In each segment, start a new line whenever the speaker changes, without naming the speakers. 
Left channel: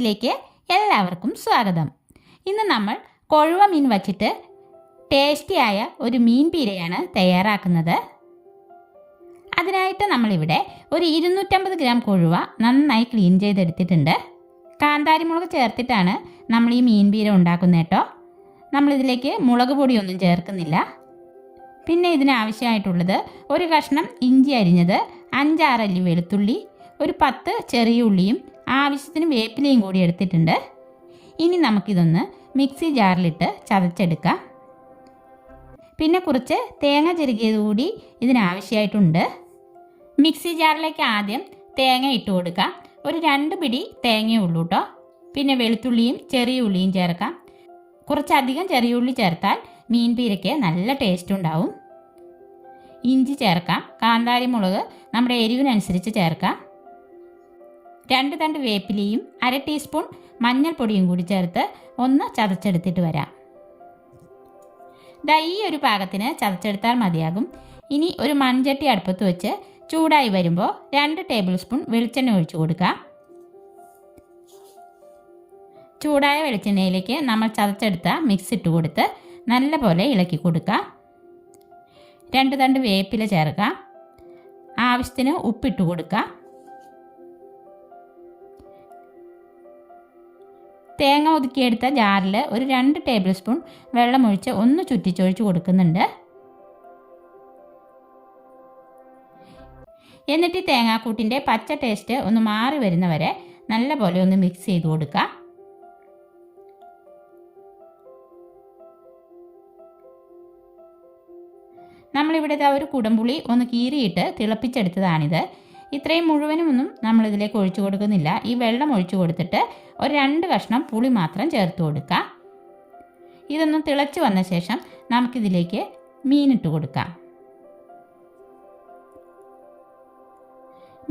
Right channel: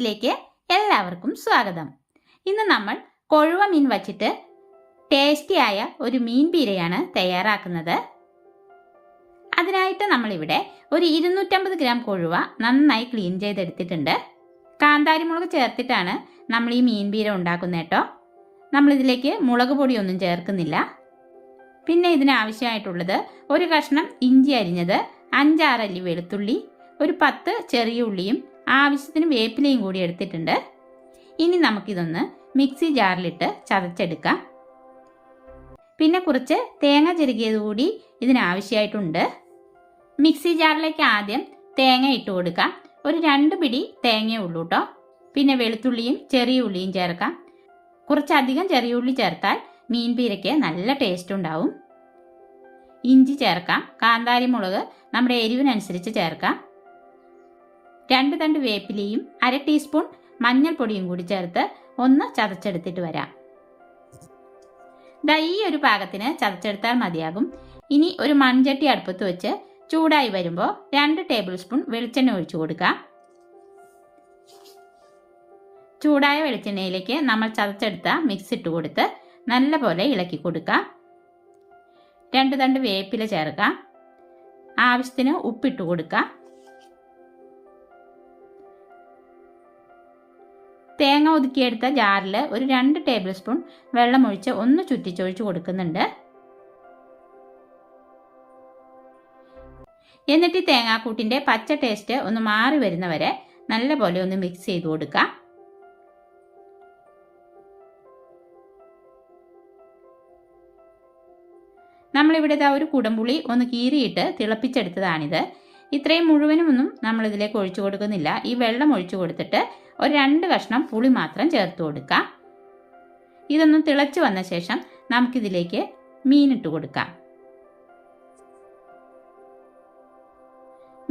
കിച്ചൺസിലേക്ക് എല്ലാവർക്കും സ്വാഗതം. ഇന്ന് നമ്മൾ കൊഴുവ മീൻ വച്ചിട്ട് ടേസ്റ്റിയായ ഒരു മീൻ പീരയാണ് തയ്യാറാക്കുന്നത്. അതിനായിട്ട് നമ്മളിവിടെ ഒരു ഇരുന്നൂറ്റമ്പത് ഗ്രാം കൊഴുവ നന്നായി ക്ലീൻ ചെയ്തെടുത്തിട്ടുണ്ട്. കാന്താരിമുളക് ചേർത്തിട്ടാണ് നമ്മൾ ഈ മീൻ പീര ഉണ്ടാക്കുന്നത് കേട്ടോ. നമ്മളിതിലേക്ക് മുളക് പൊടിയൊന്നും ചേർക്കുന്നില്ല. പിന്നെ ഇതിനാവശ്യമായിട്ടുള്ളത് ഒരു കഷ്ണം ഇഞ്ചി അരിഞ്ഞത് അഞ്ചാറല്ലി വെളുത്തുള്ളി ഒരു പത്ത് ചെറിയ ഉള്ളിയും ആവശ്യത്തിന് വേപ്പിലയും കൂടി എടുത്തിട്ടുണ്ട്. ഇനി നമുക്കിതൊന്ന് മിക്സി ജാറിലിട്ട് ചതച്ചെടുക്കാം. പിന്നെ കുറച്ച് തേങ്ങ ചെറുകിയത് കൂടി ഇതിനാവശ്യമായിട്ടുണ്ട് മിക്സി ജാറിലേക്ക് ആദ്യം തേങ്ങ ഇട്ട് കൊടുക്കാം. ഒരു രണ്ട് പിടി തേങ്ങയേ ഉള്ളൂ കേട്ടോ പിന്നെ വെളുത്തുള്ളിയും ചെറിയ ഉള്ളിയും ചേർക്കാം. കുറച്ചധികം ചെറിയ ഉള്ളി ചേർത്താൽ മീൻ പീരയ്ക്ക് നല്ല ടേസ്റ്റ് ഉണ്ടാവും. ഇഞ്ചി ചേർക്കാം. കാന്താരി മുളക് നമ്മുടെ എരിവിനനുസരിച്ച് ചേർക്കാം. രണ്ട് തണ്ട് വേപ്പിലയും അര ടീസ്പൂൺ മഞ്ഞൾപ്പൊടിയും കൂടി ചേർത്ത് ഒന്ന് ചതച്ചെടുത്തിട്ട് വരാം. ദാ ഈ ഒരു പാകത്തിന് ചതച്ചെടുത്താൽ മതിയാകും. ഇനി ഒരു മൺചട്ടി അടുപ്പത്ത് വെച്ച് ചൂടായി വരുമ്പോൾ രണ്ട് ടേബിൾ സ്പൂൺ വെളിച്ചെണ്ണ ഒഴിച്ചു കൊടുക്കാം. ചൂടായ വെളിച്ചെണ്ണയിലേക്ക് നമ്മൾ ചതച്ചെടുത്ത മിക്സ് ഇട്ട് കൊടുത്ത് നല്ലപോലെ ഇളക്കി കൊടുക്കാം. രണ്ട് തണ്ട് വേപ്പില ചേർക്കാം. ആവശ്യത്തിന് ഉപ്പിട്ട് കൊടുക്കാം. തേങ്ങ ഒതുക്കിയെടുത്ത ജാറിൽ ഒരു രണ്ട് ടേബിൾ സ്പൂൺ വെള്ളമൊഴിച്ച് ഒന്ന് ചുറ്റിച്ചൊഴിച്ച് കൊടുക്കുന്നുണ്ട്. എന്നിട്ട് തേങ്ങാക്കൂട്ടിന്റെ പച്ച ടേസ്റ്റ് ഒന്ന് മാറി വരുന്നവരെ നല്ലപോലെ ഒന്ന് മിക്സ് ചെയ്ത് കൊടുക്കുക നമ്മളിവിടെ ഒരു കുടംപുളി ഒന്ന് കീറിയിട്ട് തിളപ്പിച്ചെടുത്തതാണിത്. ഇത്രയും മുഴുവനും ഒന്നും നമ്മളിതിലേക്ക് ഒഴിച്ചു കൊടുക്കുന്നില്ല. ഈ വെള്ളം ഒഴിച്ചു കൊടുത്തിട്ട് ഒരു രണ്ട് കഷ്ണം പുളി മാത്രം ചേർത്ത് കൊടുക്കാം. ഇതൊന്ന് തിളച്ചു വന്ന ശേഷം നമുക്കിതിലേക്ക് മീനിട്ട് കൊടുക്കാം.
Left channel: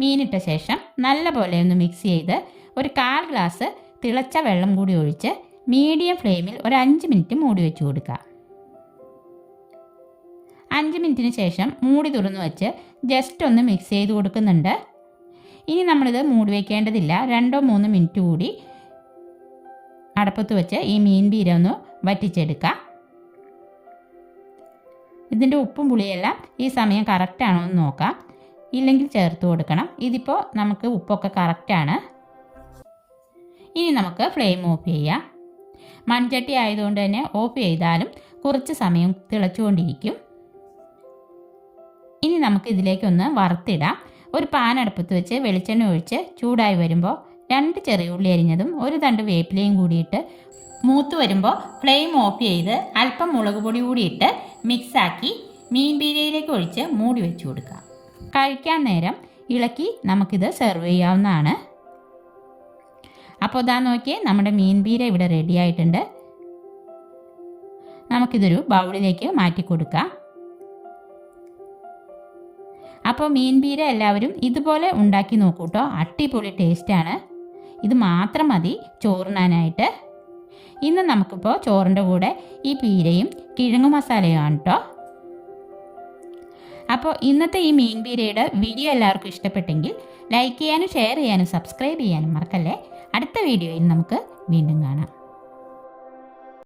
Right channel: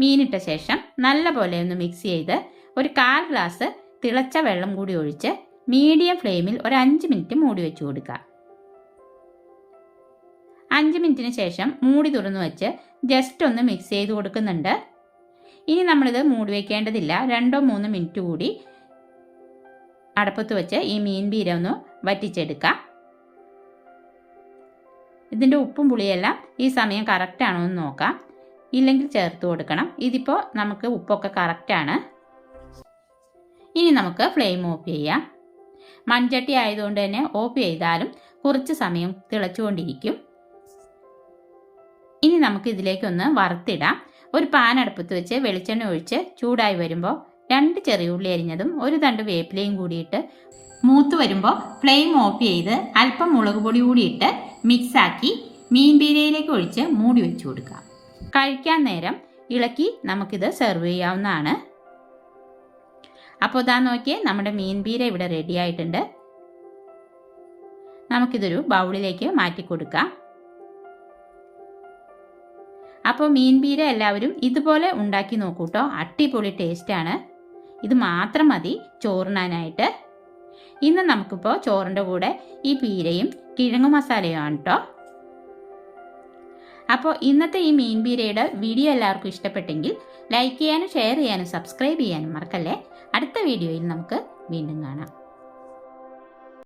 മീനിട്ട ശേഷം നല്ലപോലെ ഒന്ന് മിക്സ് ചെയ്ത് ഒരു കാൽ ഗ്ലാസ് തിളച്ച വെള്ളം കൂടി ഒഴിച്ച് മീഡിയം ഫ്ലെയിമിൽ ഒരു അഞ്ച് മിനിറ്റ് മൂടി വെച്ച് കൊടുക്കുക അഞ്ച് മിനിറ്റിന് ശേഷം മൂടി തുറന്നു വെച്ച് ജസ്റ്റ് ഒന്ന് മിക്സ് ചെയ്ത് കൊടുക്കുന്നുണ്ട്. ഇനി നമ്മളിത് മൂടി വയ്ക്കേണ്ടതില്ല രണ്ടോ മൂന്നോ മിനിറ്റ് കൂടി അടപ്പത്ത് വെച്ച് ഈ മീൻ പീര ഒന്ന് വറ്റിച്ചെടുക്കാം. ഇതിന്റെ ഉപ്പും പുളിയെല്ലാം ഈ സമയം കറക്റ്റാണോ എന്ന് നോക്കാം. ഇല്ലെങ്കിൽ ചേർത്ത് കൊടുക്കണം. ഇതിപ്പോൾ നമുക്ക് ഉപ്പൊക്കെ കറക്റ്റാണ് ഇനി നമുക്ക് ഫ്ലെയിം ഓഫ് ചെയ്യാം. മൺചട്ടി ആയതുകൊണ്ട് തന്നെ ഓഫ് ചെയ്താലും കുറച്ച് സമയം തിളച്ചുകൊണ്ടിരിക്കും. ഇനി നമുക്ക് ഇതിലേക്കൊന്ന് വറുത്തിടാം. ഒരു പാൻ അടുപ്പത്ത് വെച്ച് വെളിച്ചെണ്ണ ഒഴിച്ച് ചൂടായി വരുമ്പോൾ രണ്ട് ചെറിയ ഉള്ളി അരിഞ്ഞതും ഒരു തണ്ട് വേപ്പിലയും കൂടിയിട്ട് മൂത്ത് വരുമ്പോൾ ഫ്ലെയിം ഓഫ് ചെയ്ത് അല്പം മുളക് പൊടി കൂടിയിട്ട് മിക്സാക്കി മീൻ ബിരിയാണിയിലേക്ക് ഒഴിച്ച് മൂടി വെച്ച് കൊടുക്കാം കഴിക്കാൻ നേരം ഇളക്കി നമുക്കിത് സെർവ് ചെയ്യാവുന്നതാണ്. അപ്പോൾ ഇതാ നോക്കിയേ നമ്മുടെ മീൻ ബീര ഇവിടെ റെഡി ആയിട്ടുണ്ട്. നമുക്കിതൊരു ബൗളിലേക്ക് മാറ്റി കൊടുക്കാം. അപ്പോൾ മീൻ എല്ലാവരും ഇതുപോലെ ഉണ്ടാക്കി നോക്കൂ കേട്ടോ. അടിപൊളി ടേസ്റ്റാണ് ഇത് മാത്രം മതി ചോറിനാനായിട്ട്. ഇന്ന് നമുക്കിപ്പോൾ ചോറിന്റെ കൂടെ ഈ പീരയും കിഴങ്ങു മസാലയാണ് കേട്ടോ. അപ്പോൾ ഇന്നത്തെ ഈ മീൻ പീരയുടെ വീഡിയോ എല്ലാവർക്കും ഇഷ്ടപ്പെട്ടെങ്കിൽ ലൈക്ക് ചെയ്യാനും ഷെയർ ചെയ്യാനും സബ്സ്ക്രൈബ് ചെയ്യാനും മറക്കല്ലേ? അടുത്ത വീഡിയോയിൽ നമുക്ക് വീണ്ടും കാണാം.